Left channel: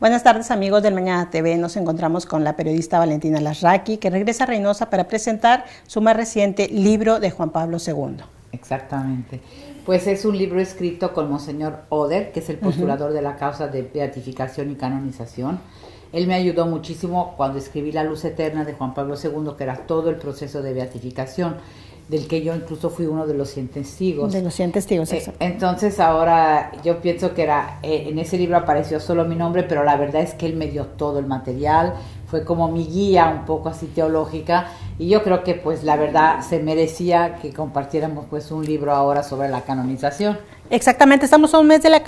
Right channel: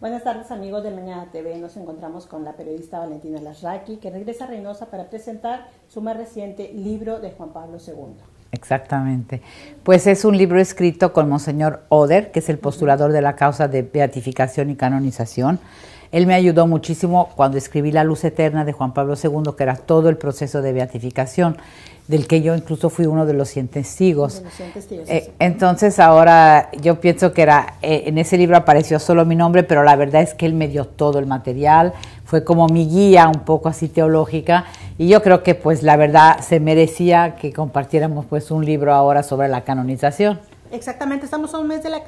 Buenas tardes, amigos del Mañana TV. Nos encontramos con la periodista Valentina Larraqui, que regresa a Reynosa para presentar su más reciente libro de Juan Pablo II. Exactamente. Pues es un libro escrito con Monseñor Oder, que es el postulador de la causa de beatificación y canonización. Él me ayudó muchísimo cuando escribí La Luz Eterna de Juan Pablo II, que era todo el proceso de beatificación, del que yo incluso fui uno de los 100 testigos. De los 100 testigos, entonces ahora yo pienso que en ese libro apareció solo mi nombre, pero la verdad es que él me dio todo el material, fue como mi guía un poco así teológica, y yo creo que pues la verdad se merecía que compartiéramos pues un libro ahora sobre la canonización. Exactamente, estamos a un mes de la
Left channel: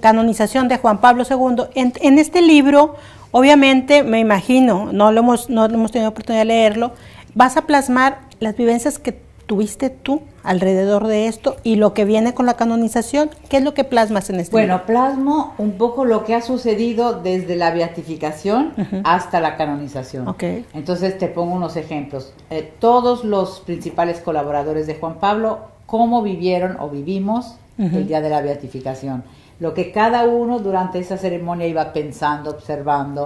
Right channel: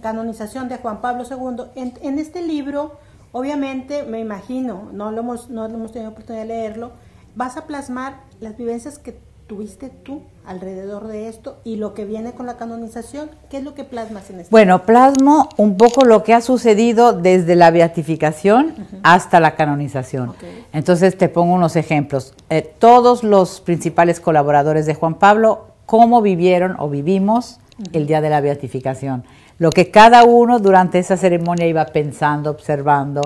canonización de Juan Pablo II. En este libro, obviamente, me imagino, no hemos tenido oportunidad de leerlo, vas a plasmar las vivencias que tuviste tú alrededor de esto y lo que viene con la canonización. ¿Qué es lo que plasmas en este libro? Bueno, plasmo un poco lo que ha sucedido desde la beatificación hasta la canonización. Okay. Entonces te pongo unos ejemplos. Todos los principales colaboradores de Juan Pablo, cómo vivieron o vivimos el día de la beatificación. Lo que cada uno durante esa ceremonia iba pensando, observando.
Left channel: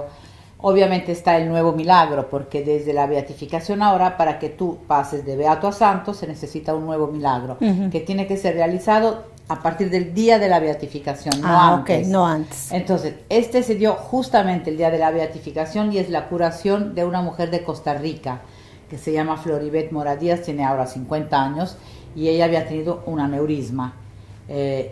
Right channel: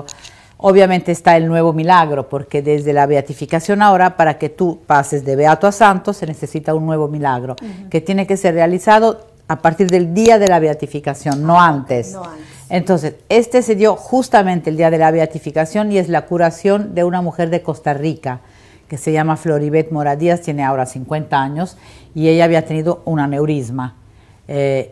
Obviamente está el nuevo milagro, porque desde la beatificación ahora, para que tú pases de beato a santo, se necesita un nuevo milagro, que tiene que ser realizado a partir del día de la beatificación, no antes. Okay, no antes. Entonces, este se dio justamente el día de la beatificación y es la curación de una mujer de Costa Rica, que se llama Floribet Mora Díaz, tiene ahora 50 años, y ella había tenido un aneurisma.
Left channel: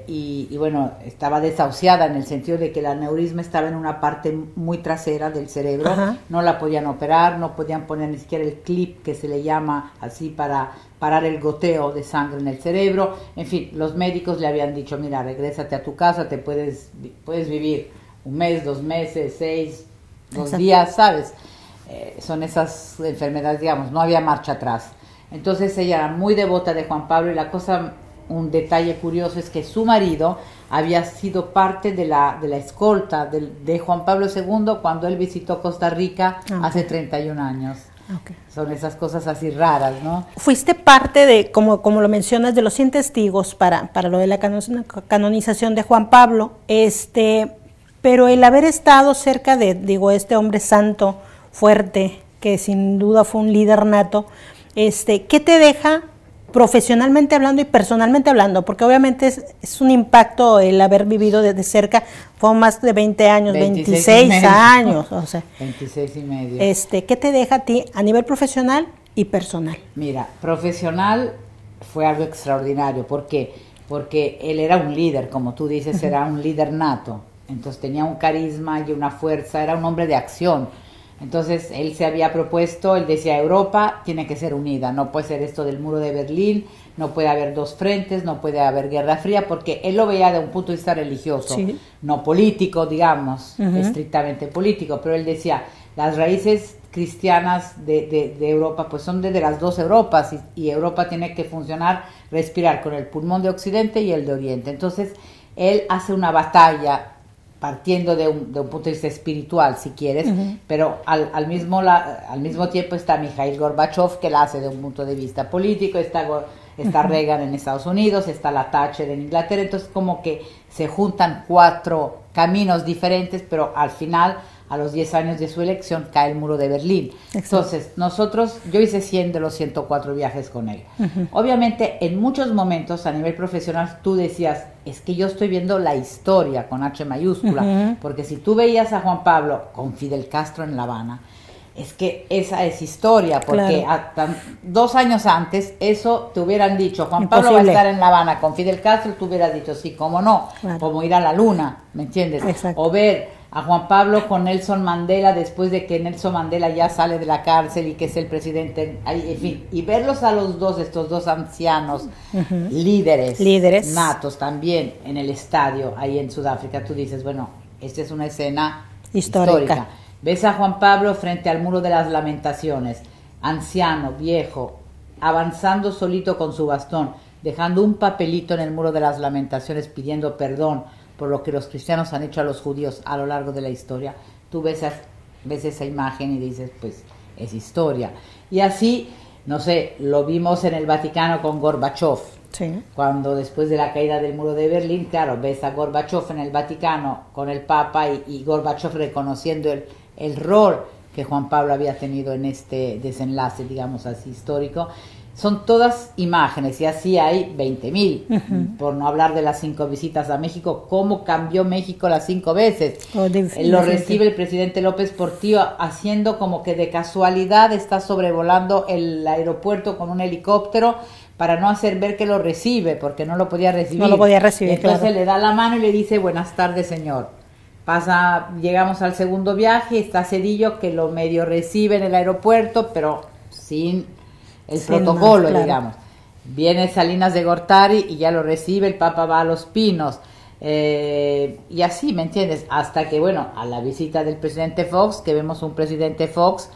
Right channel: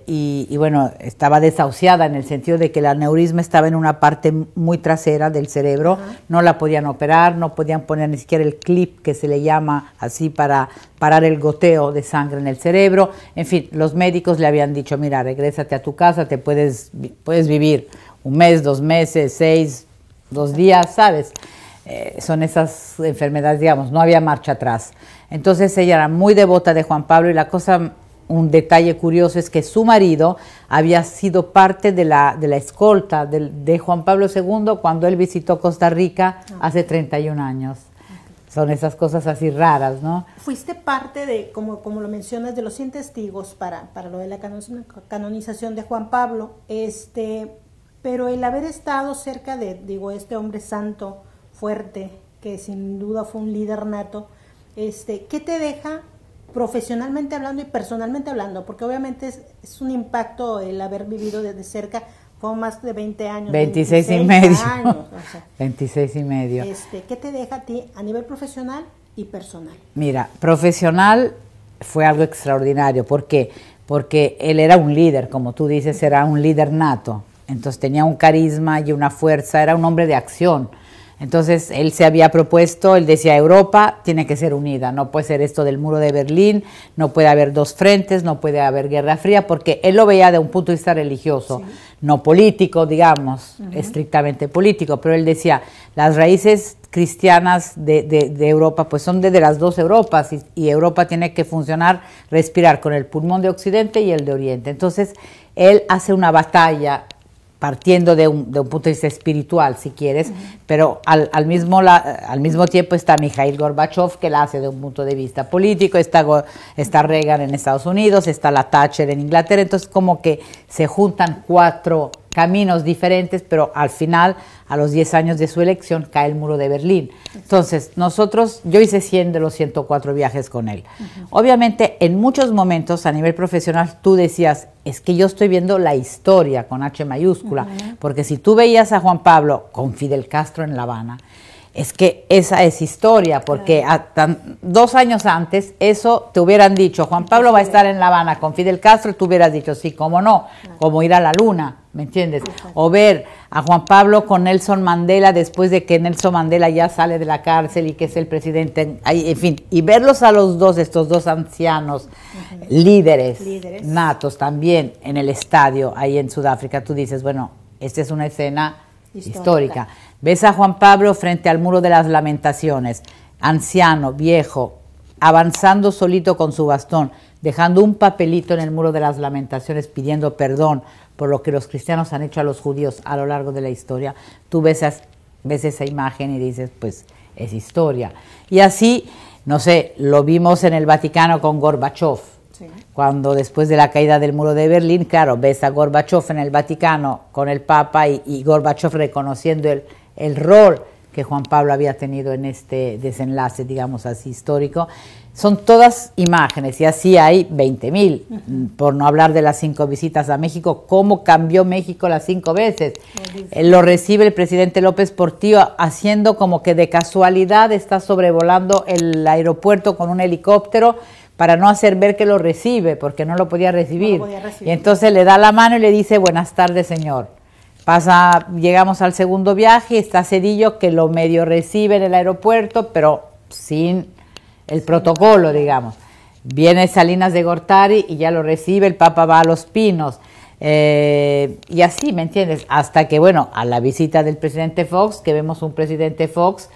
Y bueno, estaba desahuciada en el sentido de que el aneurisma estaba en una parte muy trasera del cerebro, no la podían operar, no podían poner ni siquiera el clip que se le llama así para parar el goteo de sangre en el cerebro. En fin, los médicos le habían dicho, mira, regrésate a tu casa, te puedes vivir un mes, 2 meses, 6, 2 días, ¿sabes? Son esas enfermedades, digamos, no había marcha atrás. Entonces ella era muy devota de Juan Pablo y la cosa... Un detalle curioso es que su marido había sido parte de la escolta de Juan Pablo II cuando él visitó Costa Rica hace 31 años. Okay. Son esas cosas así raras, ¿no? Fuiste parte de, como lo mencionas, de los 100 testigos para lo de la canonización de Juan Pablo, pero el haber estado cerca de, este hombre santo, fuerte, que sin duda fue un líder nato, ¿qué te deja profesionalmente hablando y personalmente hablando? Porque obviamente es un impacto el haber vivido de cerca, fue más de 20 años, 26 años. O sea, 26 y medio. ¿Qué te deja a ti a nivel profesional y personal? Mira, profesional fue algo extraordinario. ¿Por qué? Porque él era un líder, como tú dices, era un líder nato. Entonces tenía un carisma y una fuerza, era un hombre de acción. Entonces él se había propuesto, él decía, Europa tiene que ser unida, no puede ser esto del muro de Berlín, no puede haber dos frentes, no puede haber guerra fría, porque él lo veía de un punto de vista religioso, no político, digamos, estrictamente político, pero él decía, las raíces cristianas de Europa pues son de las dos Europas y Europa tiene que funcionar, respirar con el pulmón de Occidente y el de Oriente. Entonces él hace una batalla partiendo de un punto de vista espiritual, si quieres, pero al mismo tiempo está Mikhail Gorbachev, que la hace de un punto de vista político, está Reagan en Estados Unidos, está la Thatcher en Inglaterra, entonces como que se juntan 4 caminos diferentes, pero al final, a los 10 años de su elección, cae el muro de Berlín. Entonces, yo hice 100 de los 104 viajes con él. Obviamente, en muchos momentos, a nivel profesional, tú decías, es que yo estoy viendo la historia con H mayúscula, porque si tú veías a Juan Pablo con Fidel Castro en La Habana, es que esa es historia, porque claro, 2 años antes eso te hubieran dicho, Juan Pablo va a estar en La Habana con Fidel Castro, tú hubieras dicho, sí, cómo no, claro, como ir a la luna, ¿me entiendes? Exacto. O ver a Juan Pablo con Nelson Mandela después de que Nelson Mandela ya sale de la cárcel y que es el presidente, en fin, y verlos a los dos, estos dos ancianos, líderes natos también en el estadio ahí en Sudáfrica, tú dices, bueno, esta es una escena histórica. Ves a Juan Pablo frente al muro de las lamentaciones, anciano, viejo, avanzando solito con su bastón, dejando un papelito en el muro de las lamentaciones pidiendo perdón por lo que los cristianos han hecho a los judíos a lo largo de la historia. Tú ves esa imagen y dices, pues es historia. Y así, no sé, lo vimos en el Vaticano con Gorbachev. Sí. Cuando después de la caída del muro de Berlín, claro, ves a Gorbachev en el Vaticano con el Papa y Gorbachev reconociendo el rol que Juan Pablo había tenido en este desenlace, digamos así, histórico. Son todas imágenes y así hay 20.000, por no hablar de las 5 visitas a México, cómo cambió México las 5 veces. Lo recibe el presidente López Portillo haciendo como que de casualidad está sobrevolando el aeropuerto con un helicóptero para no hacer ver que lo recibe, porque no lo podía recibir. No lo podía recibir. Y entonces le da la mano y le dice, buenas tardes, señor. Llegamos al segundo viaje, está Zedillo que lo medio recibe en el aeropuerto, pero sin el protocolo, claro. Digamos. Viene Salinas de Gortari y ya lo recibe, el Papa va a Los Pinos. Y así, ¿me entiendes? Hasta que, bueno, a la visita del presidente Fox, que vemos un presidente Fox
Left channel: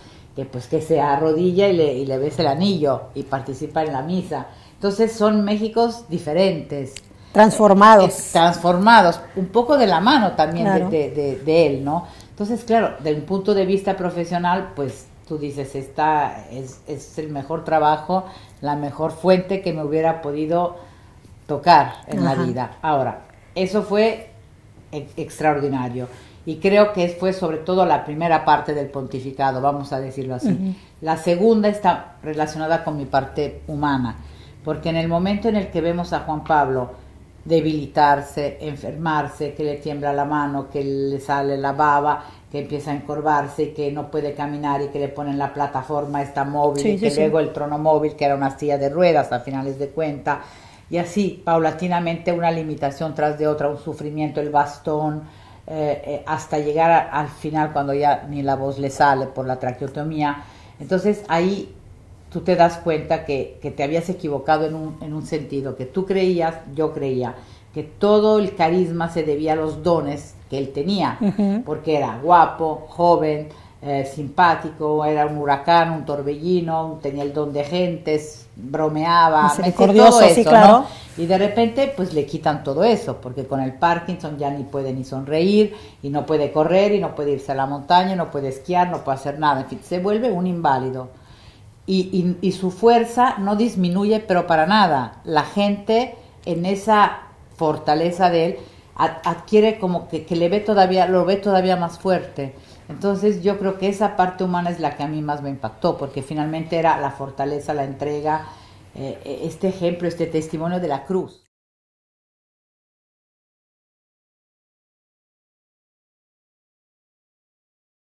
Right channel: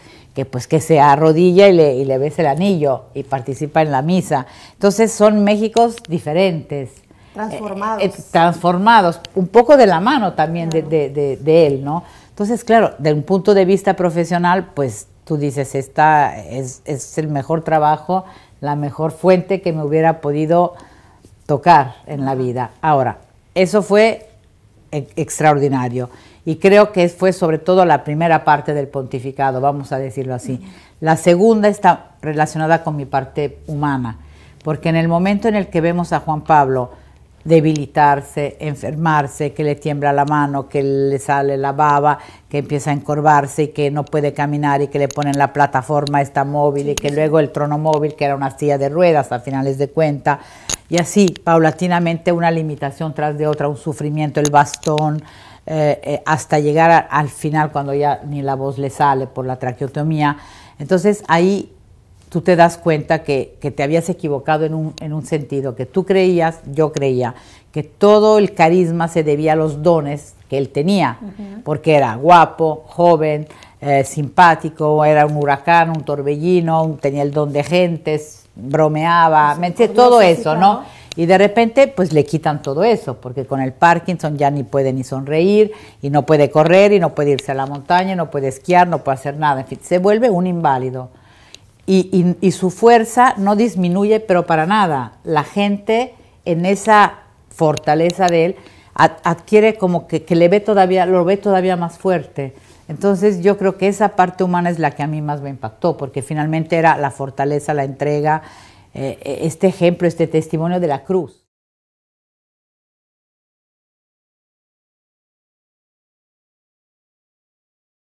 que se arrodilla y le besa el anillo y participa en la misa. Entonces son Méxicos diferentes. Transformados. Transformados, un poco de la mano también claro. de él, ¿no? Entonces, claro, de un punto de vista profesional, pues tú dices, esta es el mejor trabajo, la mejor fuente que me hubiera podido tocar en la vida. Ahora, eso fue extraordinario y creo que fue sobre todo la primera parte del pontificado, vamos a decirlo así. La segunda está relacionada con mi parte humana, porque en el momento en el que vemos a Juan Pablo debilitarse, enfermarse, que le tiembla la mano, que le sale la baba, que empieza a encorvarse y que no puede caminar y que le ponen la plataforma esta móvil y que luego el trono móvil, que era una silla de ruedas a finales de cuenta, y así paulatinamente una limitación tras de otra, un sufrimiento, el bastón, hasta llegar al final cuando ya ni la voz le sale por la traqueotomía. Entonces ahí tú te das cuenta que te habías equivocado en un sentido, que tú creías, yo creía, que todo el carisma se debía a los dones que él tenía, porque era guapo, joven, simpático, era un huracán, un torbellino, tenía el don de gentes, bromeaba, todo eso, sí, claro. ¿No? Y de repente, pues le quitan todo eso, porque con el Parkinson ya ni puede ni sonreír, y no puede correr, y no puede irse a la montaña, no puede esquiar, no puede hacer nada, en fin, se vuelve un inválido. Y su fuerza no disminuye, pero para nada. La gente en esa fortaleza de él adquiere como que lo ve todavía más fuerte. Entonces yo creo que esa parte humana es la que a mí más me impactó, porque finalmente era la fortaleza, la entrega, este ejemplo, este testimonio de la cruz.